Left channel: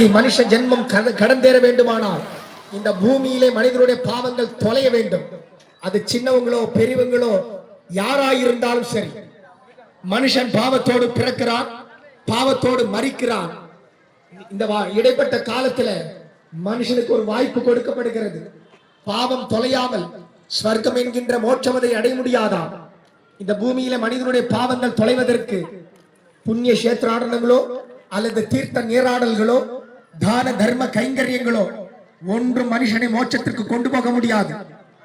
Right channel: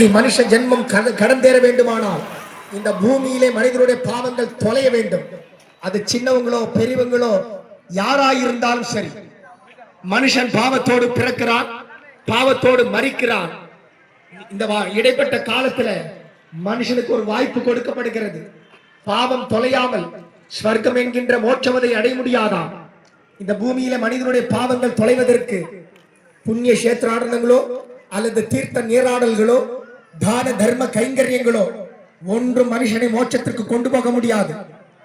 இன்றைக்கு மனுஷ ஜென்மம் கடந்தேற வேண்டுமானால் இந்த பூமியிலே மனிதனுடைய பாவங்கள் தொலைய வேண்டும். அது சின்னவங்களோ பெரியவங்களோ யாராயிருந்தாலும் சரி. மனுஷன் பாவத்தோடு பிறக்கிறான் பாவத்தோடு மறிக்கிறான். இந்த இடைப்பட்ட காலத்துல மனுஷனுக்கு ஒரு வாய்ப்பு கொடுக்கப்படுகிறது. பாவம் தொலையாமல் ஸ்வர்க்கம் என்கின்ற மோட்சமதை அடைய முடியாதா? இந்த பூமியில மனிதனுடைய பாவங்கள் தொலைவதற்கு புண்ணிய சேத்ராடனங்களோ அல்லது தீர்த்த நீராடல்களோ தான தர்ம கைங்கரியங்களோ ஒன்று மனுஷனை மோட்சத்திற்கு கொண்டு போக முடியாது.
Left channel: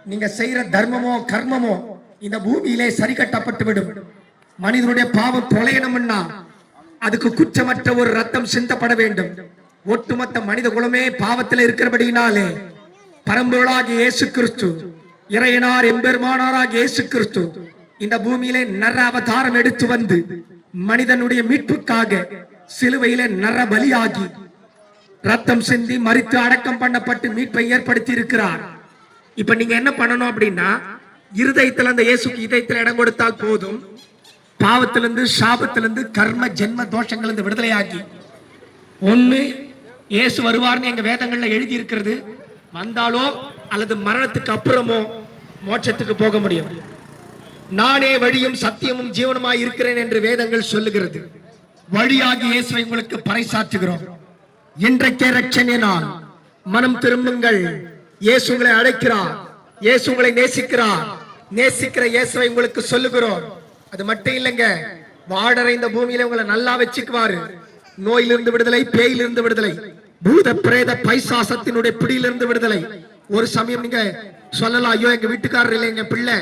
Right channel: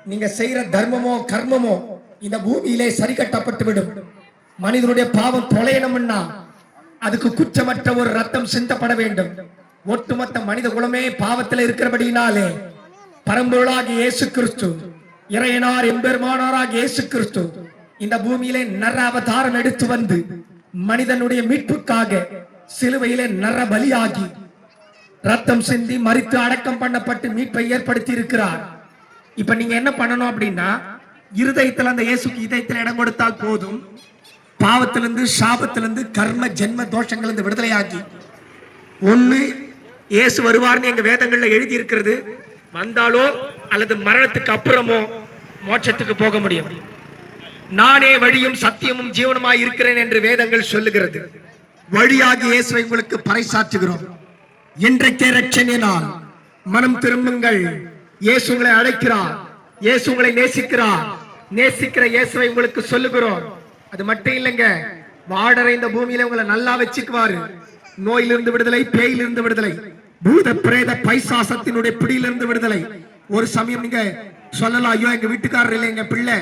நீங்க செய்யற தர்மமோ கர்மமோ இந்த பூமியிலே சரி கட்டப்பட்டு விடும் மனிதனுடைய பாவம் தொலையணும்னா அதுக்கு குற்றமற்ற ஒரு ரத்தம் சிந்தப்பட வேண்டும். ஒட்டுமொத்த மனித குலமே பாவத்தில் இருக்கிறபடியினாலே பரம்பொருளாக இயேசு கிறிஸ்து இறையனார் எம்பெருமானாராக இயேசு கிறிஸ்து இந்த பூமியிலே நர அவதாரம் எடுத்து வந்து மனிதனுடைய மீட்புக்காக சிலுவையிலே நர பலியாகி ரத்தம் சிந்தி மறித்து அடக்கம் பண்ணப்பட்டு மீட்பை ஏற்படுத்தி இருக்கிறார் இப்ப நீங்க என்ன பண்ணணும் அப்படின்னா இருதயத்துல அந்த இயேசுக்கு இதயத்துல இடம் கொடுத்தால் போதும். பாவத்திலிருந்து சாபத்திலிருந்து கர்ம ஜென்ம தோஷங்களிலிருந்து விடுதலையாகி. ஒண்ணு இயேசு வருவார்னு எங்க வேதங்கள்ல எழுதி இருக்கிறது வந்தாலோ அல்லது மரணத்துக்கு அப்புறமோ மோட்சத்துக்கு போக முடியும். நானே வழியும் சத்தியமும் ஜீவனமாய் இருக்கிறேன் என்று வேதங்கள் சொல்லுகிறது. வழியாகி இயேசுவை உங்களுக்கு பறைசாற்றுகிறோம். இன்றைக்கே ரட்சணை மனம் திரும்புங்கள். இயேசு உங்களை அழைக்கிறார். இயேசு உங்களை நேசிக்கிறார். நேசிக்கிற இயேசுவை உங்களுக்கு சொல்லுகிறோம். அது மட்டும் இல்லைங்க. வாடற இந்த பூமியில உங்களை நல்லா வச்சுக்குவாரு. நோயிலிருந்து விடுதலை பேயிலிருந்து விடுதலை. பூத பிரேத பைசாசத்தினுடைய பிடியிலிருந்து விடுதலை. ஒரு சமயம் நீங்க சொல்லலாம் ஐயோ எங்க வீட்டுக்காரர் இல்லை எங்க பிள்ளை.